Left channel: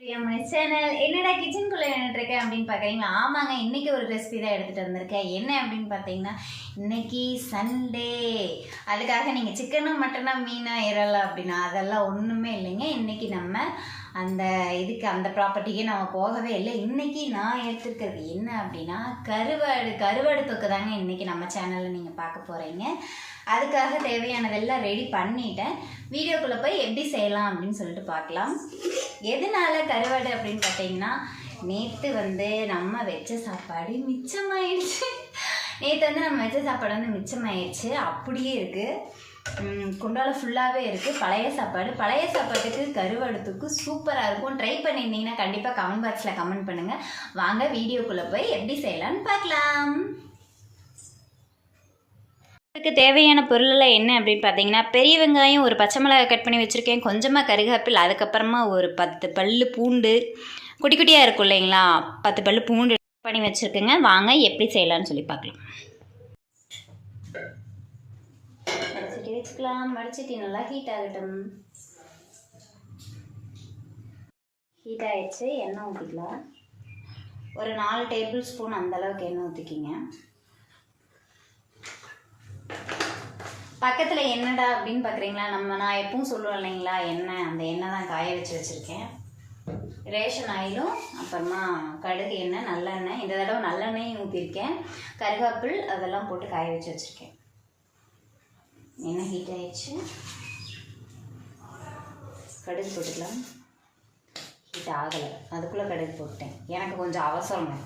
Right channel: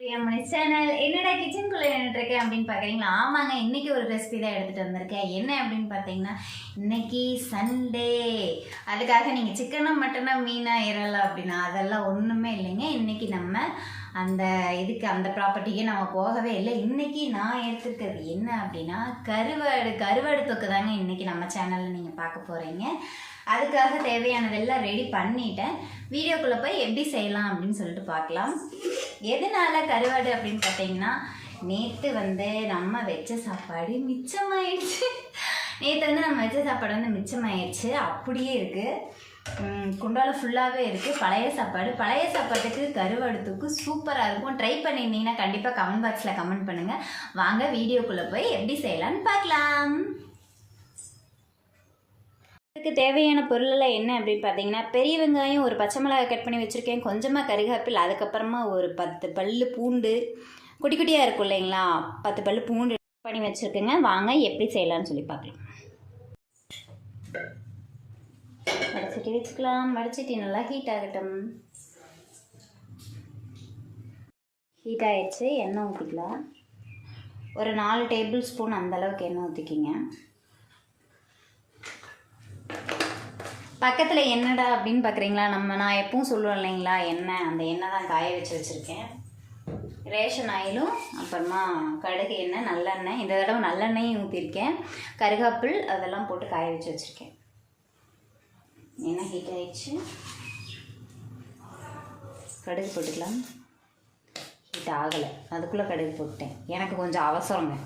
பிரியமணி channel என்னடா கிச்சனுக்குள்ளே நின்றுருக்கேன் அப்படின்னு பார்க்குறீங்களா? ஆமாங்க, இன்றைக்கி ஒரு ரெசிபி தான் எடுத்துகிட்டு வந்திருக்கேன். என்ன அப்படின்னு பார்த்தீங்கன்னா, இன்றைக்கி சண்டே. அதுக்காக நீங்கள் சிக்கனும் மட்டனாக மீனாக இறலை அப்படின்னா அதெல்லாம் ஒன்றுமே இல்லைங்க. இன்றைக்கி நம்ம அந்த அந்த ப்ராப்பர்ட்டிக்கே நம்ம போகவே இல்லை. இன்றைக்கி நான் எடுத்துருக்கிறது என்ன அப்படின்னா கருவாடு தொக்கு தாங்க இன்றைக்கி நம்ம சேனலில் நீங்கள் பார்க்க போகிறீங்க. அதுக்காக தேவையானதெல்லாம் ரெடி பண்ணிட்டேன். வீடியோக்குள்ளே போய் எப்படி செய்யலாம் அப்படின்னு சொல்லிட்டு பார்க்கலாம். எதனால கருவாடு அப்படின்னு பார்த்தீங்கன்னா, நேற்று நம்ம வச்ச சாப்பாடு மிச்சமாயிடுச்சு. நேற்று நம்ம வச்ச சாப்பாடு மிச்சமாயிடுச்சு. அப்படியே இருக்குது, குண்டால ஃபுல்லாகவே இருக்குது. பழைய சாப்பாட்டுக்கு கருவாடுத்துக்கு சூப்பராக இருக்கும். ட்ரை பண்ணியிருந்தீங்கன்னா கண்டிப்பாக கமெண்ட் பாக்ஸில் கமெண்ட் பண்ணுங்கள். வாங்க வீடியோக்குள்ளே போய் எப்படி செய்யலான்னு பார்க்கலாம். இதுக்கு தேவையான பொருளெல்லாம் என்ன அப்படின்னு பார்த்தீங்கன்னா, பெரிய வெங்காயம் ஒரு பச்சை மிளகாய் கட் பண்ணி வச்சுருக்கேன், கொஞ்சமாக கருவேப்பிலை, அதுக்கப்புறமா ஒரு 10 பல்லு பூண்டு, குட்டி குட்டியாக இருக்கும் இல்லைங்களா, 10 பல்லு பூண்டு பண்ணி வச்சுருக்கேங்க. வாங்க எப்படி செய்யலான்னு சொல்லி பார்க்கலாம். வடிச்சிட்டு வச்சுக்கலாம். வடிச்சிட்டு நல்லா ஹீட் ஆகட்டும். ஹீட் ஆகிடுச்சு. எண்ணெய் ஊற்றிக்கலாம். ஒரு 4 டேபிள் ஸ்பூன் அந்தளவுக்கு எண்ணெய் ஊற்றிக்கிங்க. பக்கத்தில் என்னடா அப்படின்னு பார்க்குறீங்களா, நான் எப்பவும் சொல்லுவேன் இல்லைங்களா, எண்ணெய், அந்த எண்ணெய் தான் காய வச்சுருக்கேன். ரேஷன் ஆயிலும் அப்புறமா கடுகு எண்ணெய், நல்லெண்ணெய், இந்த தடவை நல்லெண்ணெயும் ஊற்றிருக்கேன். கருவேப்பில் அதெல்லாம் போட்டு காய வச்சுருக்கேன். எண்ணெய் ஹீட் ஆயிடுச்சு. கடுகு போட்டுக்கலாம். ஹீட் ஆகலை, அதுக்குள்ளே கடுகு போட்டேன். எனக்கு கொஞ்சம் அவசரங்க.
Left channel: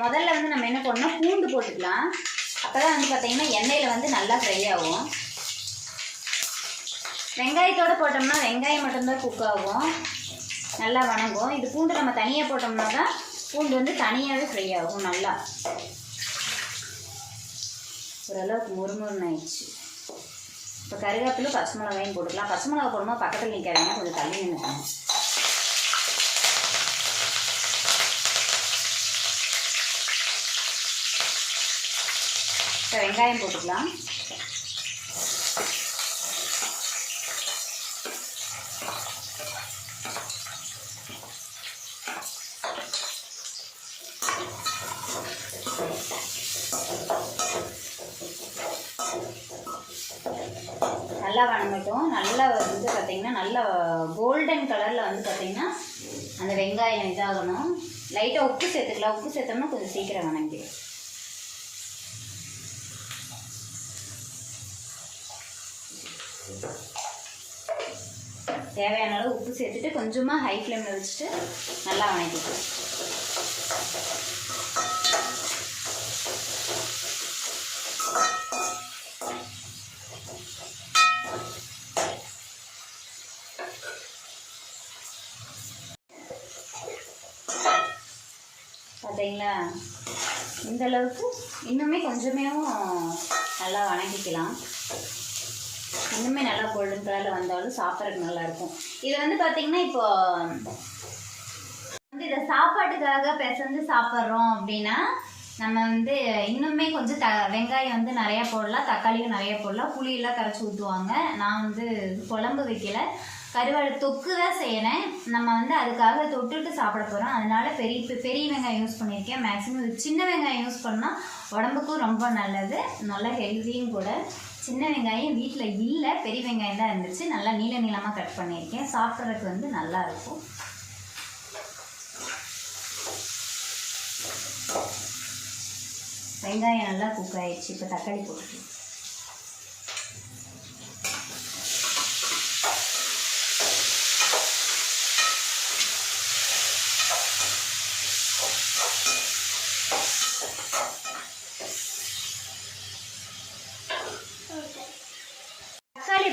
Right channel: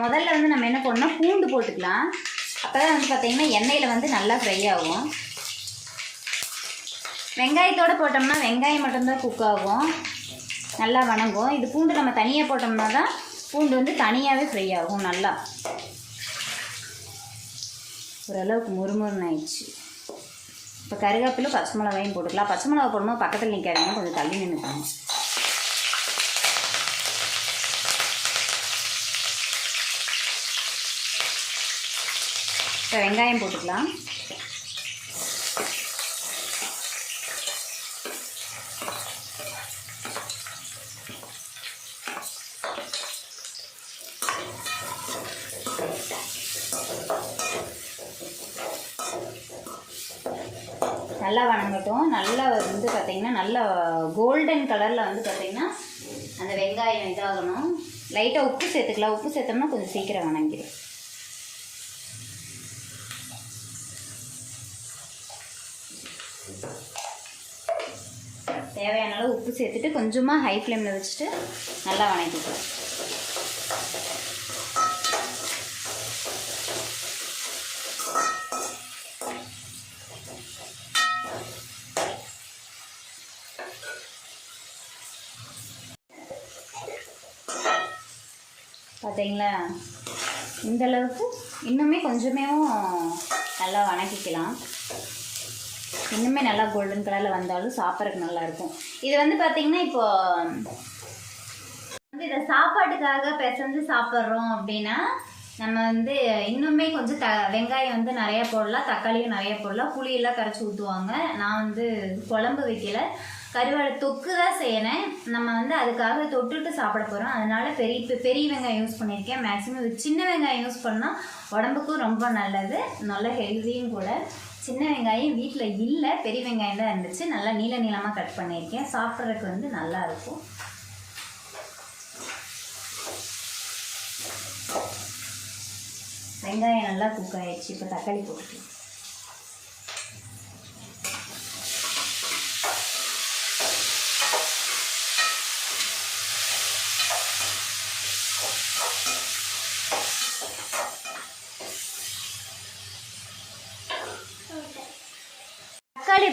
முதல்ல நம்ம என்ன பண்ணோம், பூண்டு போட்டுக்கலாம். அப்போ தான் பார்த்தீங்கன்னா எண்ணெயில் நல்லா ஃப்ரை ஆகும். வெங்காயத்தோடு போட்டோம்னா வெங்காயம் மட்டும்தான் குக் ஆகும், நல்லா வணங்கும். இது பூண்டு நம்ம தனியாக போட்டோம்னா தான் பூண்டு தனியாகவே ஃப்ரை ஆகும். நல்லா ஓரளவுக்கு முறுமுறுன்னு ஆயிடுச்சு. இப்போ கருவேப்பிலை பச்சை மிளகாயும் போட்டுக்கலாம். பச்சை மிளகா போடும்போது பக்கத்தில் நிற்கிறாங்க, கொஞ்சம் தள்ளி நின்றுக்கணும். இப்போ வெங்காயம் போட்டுக்கலாம். நல்லா வணங்கட்டும். நல்லா பார்த்திங்கன்னா நல்லா கோல்டன் கலரில் பார்த்திங்கன்னா அந்த வெங்காயம் இதாகணும். லைட்டாக உப்பு சேர்த்துக்கலாம். உப்பு சேர்த்தோம்னா கொஞ்சம் சீக்கிரம் வணங்கிடும். தேவையான அளவு உப்பு சேர்த்துட்டு கொஞ்சமாக ஹை ஃப்ளேமில் வச்சுட்டு நல்லா வணக்கிக்கலாம். பார்த்தீங்களா, இந்த அளவுக்கு இன்னுமே கொஞ்சமே நல்லா வணக்கிக்கலாம். இன்னுமே நல்லா கோல்டன் கலரில் வந்தாலும் சாப்பிட்றதுக்கு நல்லாயிருக்கும். இது பார்த்திங்கன்னா இப்போ இதை சாப்பாட்டுக்காக பிசைஞ்சு சாப்பிட்றோம் அப்படின்னா நம்ம இன்னுமே கொஞ்சம் வெங்காயம் நிறையா போடலாம், தக்காளியும் நிறையா போடலாம், புளியெல்லாம் கரைச்சி ஊற்றுவாங்க. நான் குழம்பு வைக்கல, கருவாடு தொக்கு தான் செய்யணும். நம்ம அதுக்காக தொட்டுட்டு சாப்பிட போகிறோம். அதனால் பெரிய வெங்காயம் யூஸ் பண்ணியிருக்கேன். மேக்ஸிமம் சின்ன வெங்காயம் யூஸ் பண்ணால் உடம்புக்கும் ரொம்ப நல்லது, நல்ல ஹெல்த்தியும் கூட. சின்ன வெங்காயம் வீட்டில் இல்லை, பெரிய வெங்காயம் தான் இருந்துச்சு. நல்லா நீளமாக கட் பண்ணியிருக்கேன். சாப்பிட்றதுக்கு நல்லா இருக்கும். வெங்காயம் நல்லா குக் ஆகிடுச்சு. இப்போ தக்காளி போட்டுக்கலாம்.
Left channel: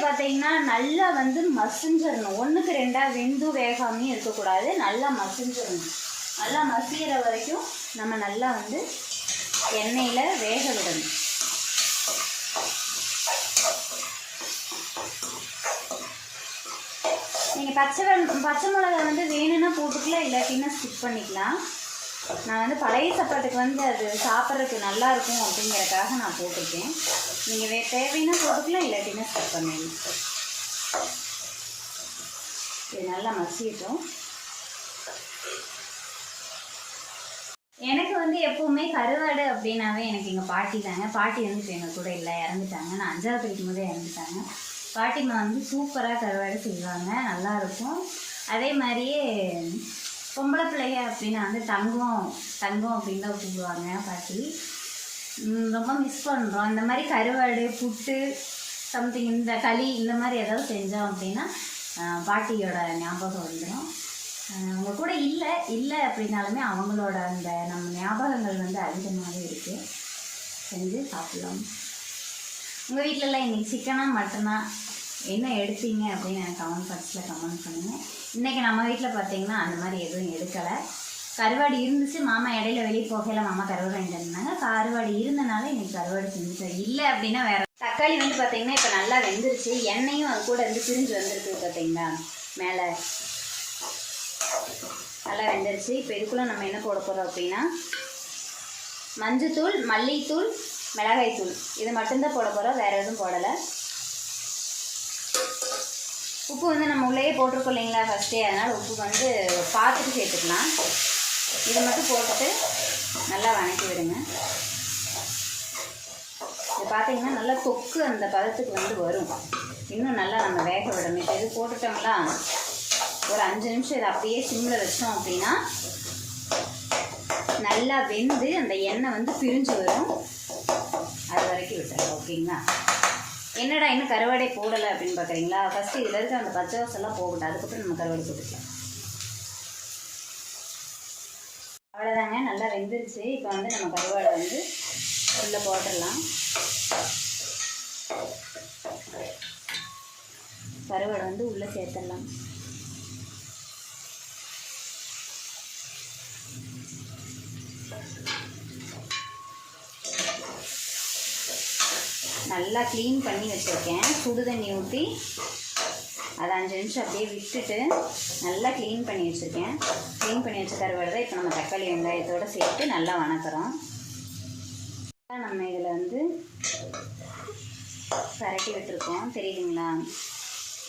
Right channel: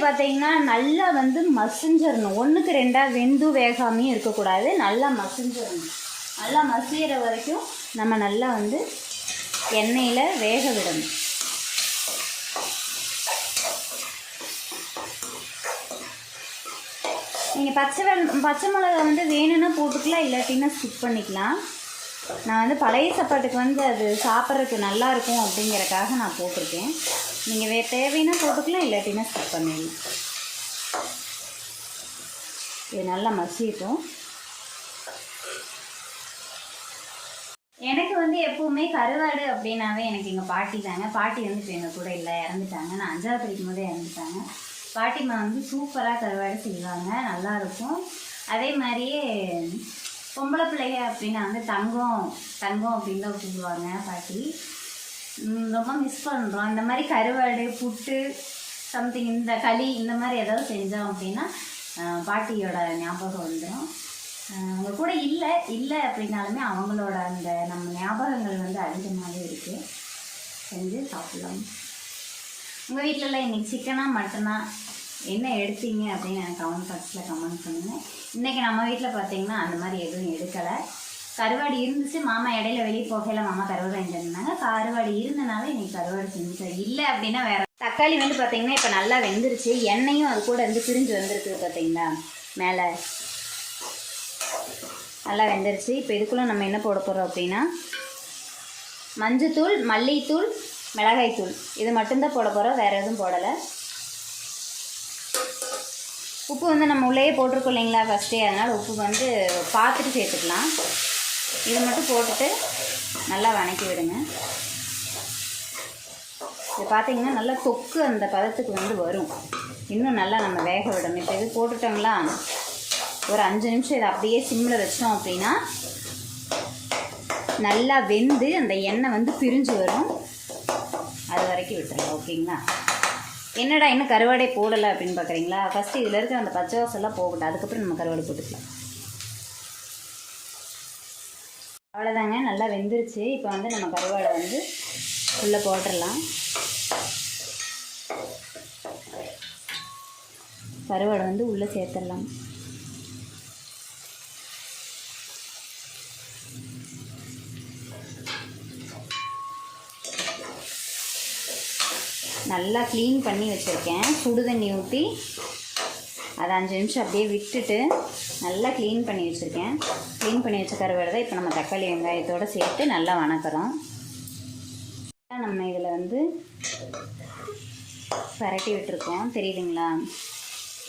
பார்த்தீங்கன்னா நல்லா மசிஞ்சிடணும். 1க்கு 2 வெந்து வேகாமையும் இருக்கக்கூடாது, நல்லா மசிஞ்சிடணும். நல்லா மசிகிற வரைக்கும் நம்ம நல்லா எண்ணெயில் வேக விடணும். நீங்கள் பச்சை மிளகா வேணும்னா போட்டுக்கலாம், இல்லாட்டின்னா ஸ்கிப் பண்ணிக்கலாம். நான் பழைய சாப்பாட்டுக்கு அது சாப்பிட்றதுக்கு நல்லாயிருக்கும் அப்படிங்கிறக்காக நான் போட்டிருக்கேன். நீங்கள் தேவைன்னா போட்டுக்கலாம், இல்லாட்டினா ஸ்கிப் பண்ணுவீங்க. இது நல்லா மசிட்டோம். எனக்கு வந்து எப்போவுமே கருவாடு அப்படின்னாவே எனக்கு எங்கள் பாட்டி தாங்க. பாட்டி வந்து இப்போ எங்கள் கூட இல்லை, இறந்துட்டாங்க. நான் 5ஆவது படிக்கும் போதே இறந்துட்டாங்க. பாட்டிமா வந்து சூப்பராக கருவாடு செய்வாங்க, நல்லாயிருக்கும். அதே மாதிரியே பொம்பளை பிள்ளைங்க அப்படின்னா வந்து தங்கம் தங்கம் அப்படின்னு தான் கூப்பிடுவாங்க பாட்டி. ரொம்ப மிஸ் பண்ணுறோம். இந்த மாதிரி கருவாடு, புட்டு, சம்திங் இந்த களி இந்த மாதிரி ஏதாவது செஞ்சோம் அப்படின்னா பாட்டியோட ஞாபகம் வந்துடும். அவங்க கூட இல்லை அப்படின்னாலுமே அவங்களோட அந்த நம்ம ஞாபகங்கள் வந்து அதிகமாகவே இருக்குது. செஞ்சு சாப்பிட்லாம். உங்கள் வீட்டிலலாம் இன்றைக்கி சிக்கனா மட்டனா என்ன எடுத்தீங்க அப்படின்னு எனக்கு கமெண்ட் பாக்ஸில் கமெண்ட் பண்ணுங்கள். இன்றைக்கி நம்ம வீட்டில் பார்த்தீங்கன்னா அந்த மாதிரி எதுவும் எடுக்கலை. கருவாடு இருந்துச்சு. மாமா இடையில வெளியே போகையில் மாமா கருவாடு வாங்கிட்டு இருந்தாங்க. கருவாடு இருந்தனால இன்றைக்கி கருவாடு செஞ்சு. இல்லை அப்படின்னா வேறு. தக்காளி வந்து பார்த்திங்கன்னா இப்போ நல்லா வெந்துருச்சு. எண்ணெயும் அது கூட வந்து பிரிஞ்சு வந்திருக்கு பார்த்தீங்களா, மேலே நல்லா வெந்துருச்சு. இப்போ இதுக்குள்ளே நம்ம என்ன போட போகிறோம் அப்படின்னா மஞ்சத்தூள், மல்லித்தூள், மிளகாய்த்தூள் இது மட்டும்தான் போட போகிறோம், வேறு எதுவும் போடலை. உப்பு வந்து நம்ம உள்ளே போட்டிருக்கோம் இல்லைங்களா ஃபஸ்ட்டே, அதனால் உப்பு வந்து பார்த்துட்டு சேர்த்துக்கலாம். இதை மட்டும் போட்டுட்டு நல்லா வணக்கி விடுங்க. இது பார்த்திங்கன்னா நல்லா தொக்கு அந்த பதத்துக்கு வந்து வரும். இன்னும் நல்லா நம்ம வேக விடணும். இப்போ இது போட்டுட்டோங்களா, ஒரு 5 நிமிஷம் இதை அப்படியே சிம்மில் வச்சோம் அப்படின்னா நல்லா வெந்து அந்த எண்ணெய் வந்து பிரிஞ்சு வரும். அது வரைக்கும் விட்டுருங்க. ஓகேங்களா? என்னடா இன்னும் கருவாடே போடலை அப்படின்னு பார்க்குறீங்களா? ஃபஸ்ட்டு இதில் இருக்க அந்த பச்சை வாசல்லாம் போகட்டும், அதுக்கப்புறம் நம்ம கருவாடு போட்டுக்கலாம். அவ்வளோதாங்க, நல்லா வெந்துருச்சு. இப்போ வந்து நம்ம கருவாடை வந்து உள்ளே போட்டுடலாம். கருவாடை வந்து உள்ளே சேர்த்துடலாம். நல்லா க்ளீன் பண்ணி வச்சுருக்கேன். சுடு தண்ணி ஊற்றி அதை 5 நிமிஷம் அப்படியே விட்டுட்டு நல்லா க்ளீன் பண்ணி வச்சுருக்கேன். க்ளீன் பண்ணி வச்ச கருவாடு தான் இப்போ நம்ம தக்காளி வெங்காயத்தோடு சேர்த்து நல்லா வணக்கிறோம். நம்ம இதில் வந்து பரட்டி விட்டுருக்கோம். தெரியுதுங்களா?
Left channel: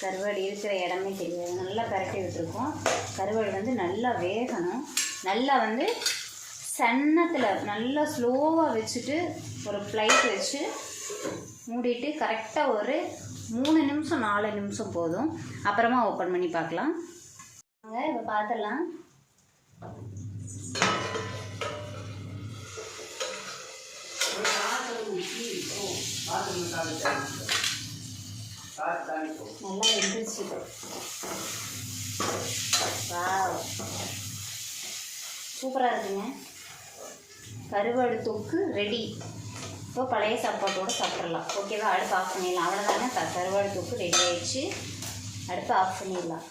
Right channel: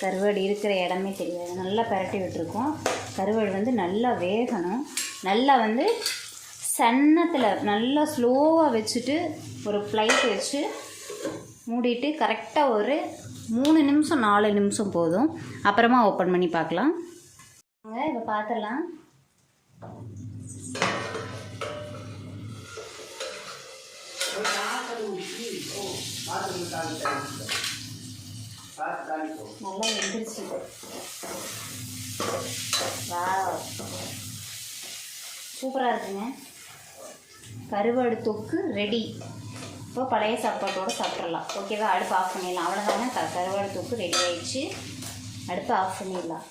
கருவாடு இருக்கிற இடமே தெரியாது. நல்லா பரட்டி விட்டுருக்கோம். கருவாடு வந்து நல்லா வேகணும். நல்லா வந்து சன்னத்தில் நல்லா ஸ்லோவாக வச்சுட்டு ஒரு ஃப்ளைட் வச்சு மூடிட்டு கரெக்டாக ஒரு 3 நிமிஷம் 4 நிமிஷம் போதும். அப்புறமா ஓப்பன் பண்ணி பார்க்கலாம். இப்போ பார்த்துடலாம். நல்லா வெந்துருச்சு. சூப்பராக இருக்குங்க. கருவாடு தொக்கு ரெடி. இப்போ பழைய சாப்பாட்டோடு சாப்பிட்றலாம். ஓகேவா? அடுப்பு ஆஃப் பண்ணிடலாம். அவ்வளோதானே, கருவாடு தொக்கு ரெடி ஆகிடுச்சு. அடுப்பு ஆஃப் பண்ணிடலாம்.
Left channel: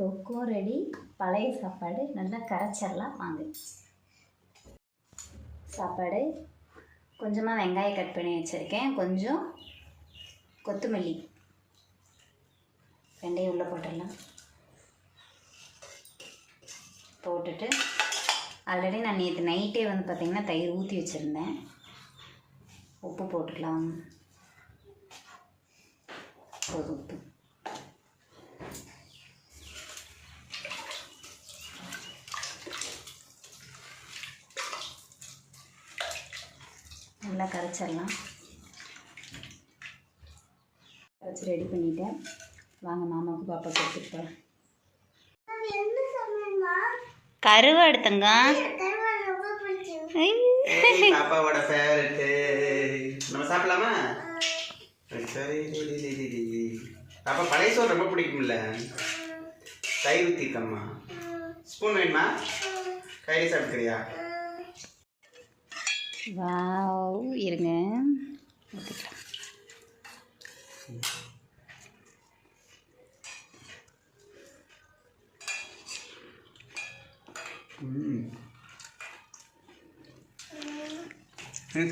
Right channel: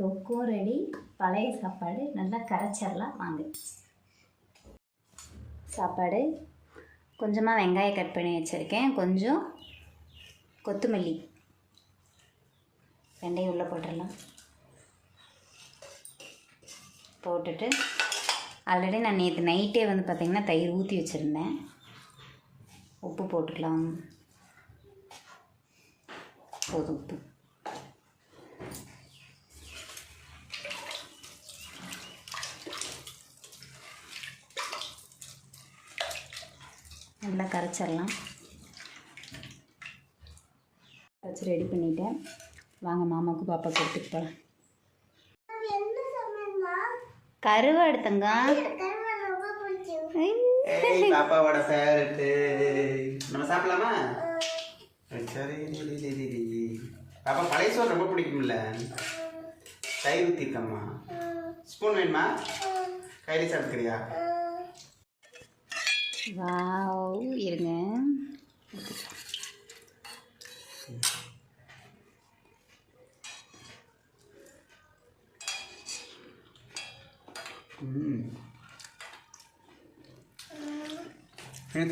தொக்கும் ரெடி, பழைய சாப்பாடு நல்லா கரைச்சிடலாம். வாங்க. சாப்பாடு கொஞ்சமாக வெங்காயம் கட் பண்ணி வச்சுருக்கேன், கொஞ்சம் கொத்தமல்லி, வெந்தயம் உள்ளே போட்டுடலாம். போட்டுட்டு ஆல்ரெடி நான் நேற்று நைட்டே வந்து பார்த்திங்கன்னா தயிர் ஊற்றி வச்சுருந்தேன். உப்பு போட்டுக்கலாம். போதும் உப்பு. நல்லா கரைச்சிடலாம். கரைச்சி ரெடி பண்ணிட்டேன். வாங்க மாமாவுக்கு பாப்பா கொடுத்துட்டேன். கருவாடு தங்கம், பாப்பாவோட ஃபேவரட். நம்ம சாப்பிடலாமா? சரி. பாப்பா பழைய சோறு ரொம்ப பிடிக்கும்ல, தயிர் ஊற்றிக்கம்மா. ஸ்பூன் வேணுமா? கையில் சாப்பிட்டுக்கிறியா? வாவ், இருங்க.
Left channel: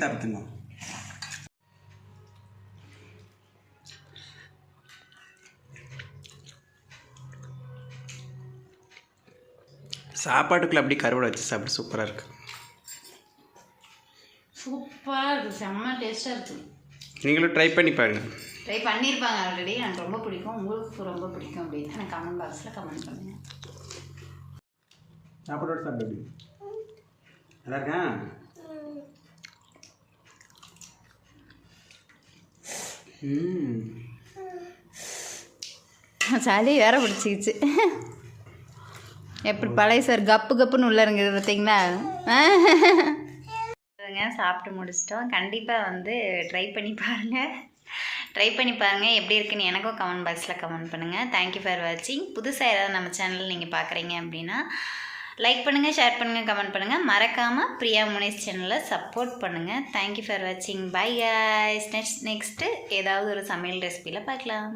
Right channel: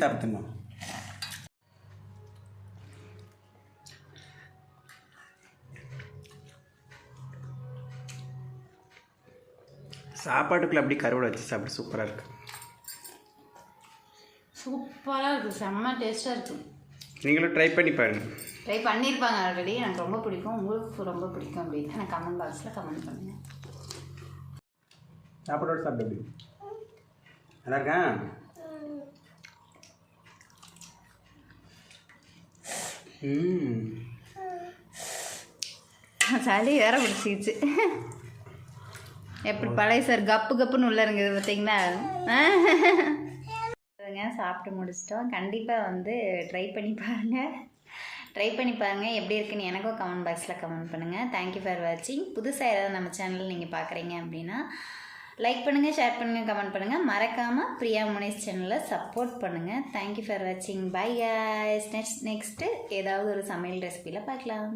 சாப்பிட்டுமா? சாப்பாட்டுக்குள்ள அப்படி கருவாடை வச்சு சாப்பிட்டு சூப்பராக இருக்குது. சூப்பராக இருக்குது, செம்ம டேஸ்ட்டாக இருக்குது. நீங்களும் ட்ரை பண்ணி பாருங்கள். ட்ரை பண்ணியிருப்பாங்க ஆல்ரெடி. எனக்கு ரொம்ப பிடிக்கும், உங்களுக்கு ரொம்ப பிடிக்கும் அப்படின்னு எனக்கு கமெண்ட் பாக்ஸில் கமெண்ட் பண்ணுங்கள். சாப்பாடோட சாப்பிட்டு நல்லா இருக்கா? சளி வேற பிடிச்சிக்கிச்சு. எப்படி பழைய சார் கப்பு கப்புன்னு உள்ள இருங்குது பார்த்தீங்களா? சாப்பிட்டு முடிச்சிட்டோம். கண்டிப்பாக வந்து ட்ரை பண்ணி பாருங்கள். எப்படி இருக்குன்னு எனக்கும் கமெண்ட் பாக்ஸில் கமெண்ட் பண்ணுங்கள். தேங்க்யூ ஃபார் வாட்சிங். புதுசாக ஏதாவது நம்ம சேனல் நீங்கள் பார்க்குறீங்க அப்படின்னா லைக் பண்ணுங்கள், ஷேர் பண்ணுங்கள், கமெண்ட் பண்ணுங்கள். மறக்காமல் பிரியா முனேஷ் சேனலை சப்போர்ட் பண்ணுங்கள். தேங்க்யூ ஃபார் வாட்சிங். Bye guys. நெக்ஸ்ட்டு ஏதாவது ஒரு சமையல் ரெசிபியில் பார்க்கலாம்.